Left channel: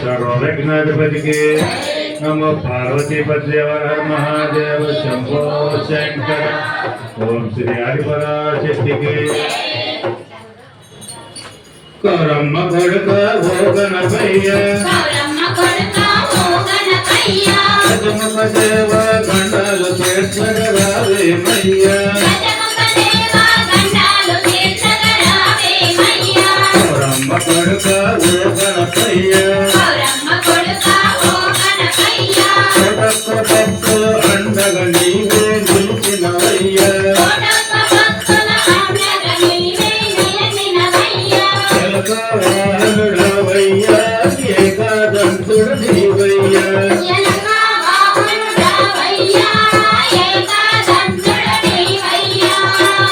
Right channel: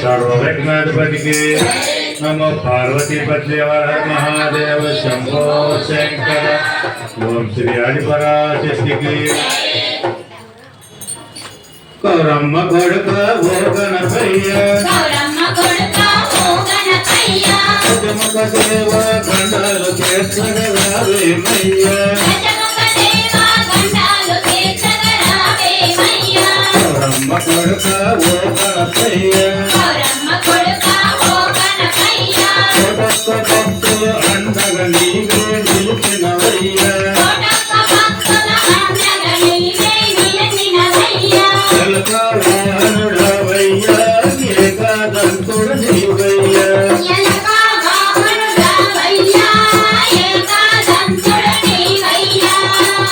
सर्वविघ्नाधिपतिके नमो पार्वती पद्मेवर महादेव शंभो शंकर ओम श्री हरिपराशक्तिके गौरम्म गड़क वो गणपయ్య गजमुख देव गंडाल केसर रावे मैया गौरम्म गड़क वो गणपయ్య భక్తులు అండగా నీవే నిలిచినవయ్యా ఎలకవాహనుడవయ్యా ఏకాదంతుడు నీవయ్యా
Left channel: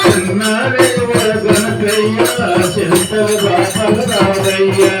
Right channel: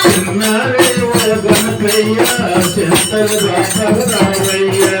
చిన్నారే గణకయ్యా చింతలు బాపరావయ్యా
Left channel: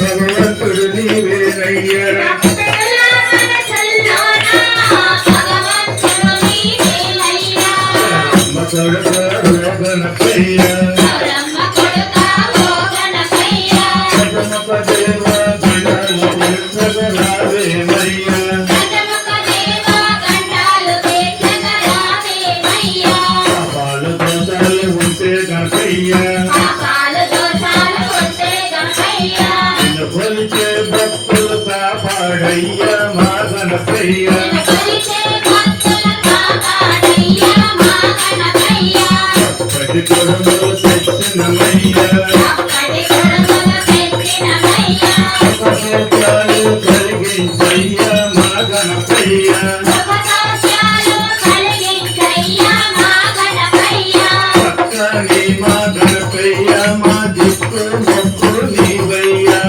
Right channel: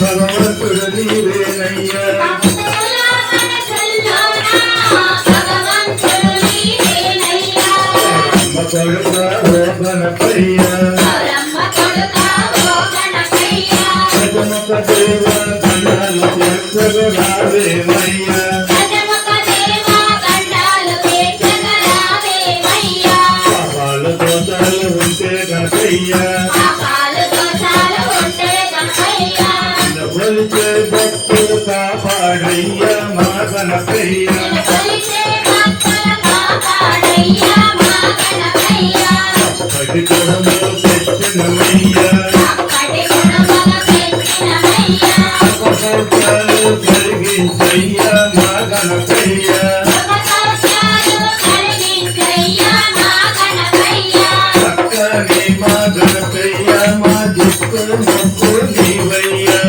భగవంతుడు నీవేనయ్యా గణపయ్య గజముఖ దేవ గండాలు రావేమయ్యా పాపాలు దోషాలు ఉంటే గణపయ్యా కొలిచే భక్తులు కాపాడయ్యా మా గణపయ్యా పటి కొడమలు తెచ్చినమయ్యా కలిగించయ్యా మా గణపయ్యా చక్కని మా గణపయ్యా మా దిక్కు మొక్కు నీవయ్యా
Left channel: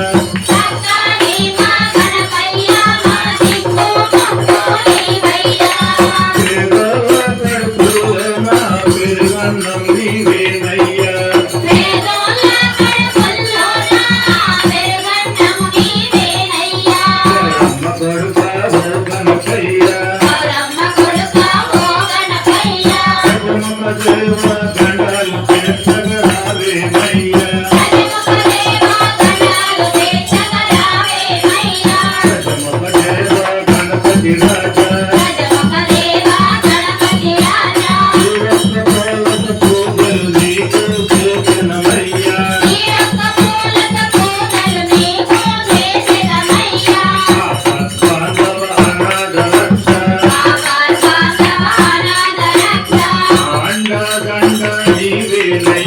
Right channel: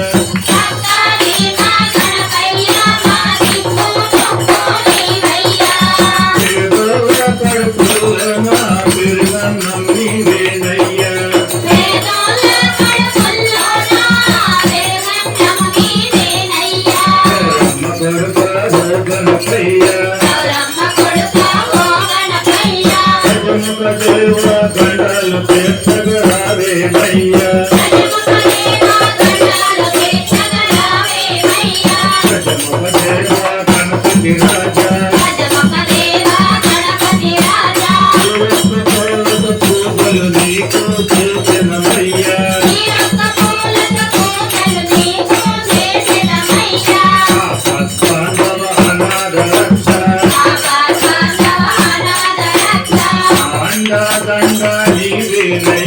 గండాలు రావేమయ్యా గణపతి రాజా పూజలు నీకు చేసినమయ్యా అండగండ నీవేనయ్యా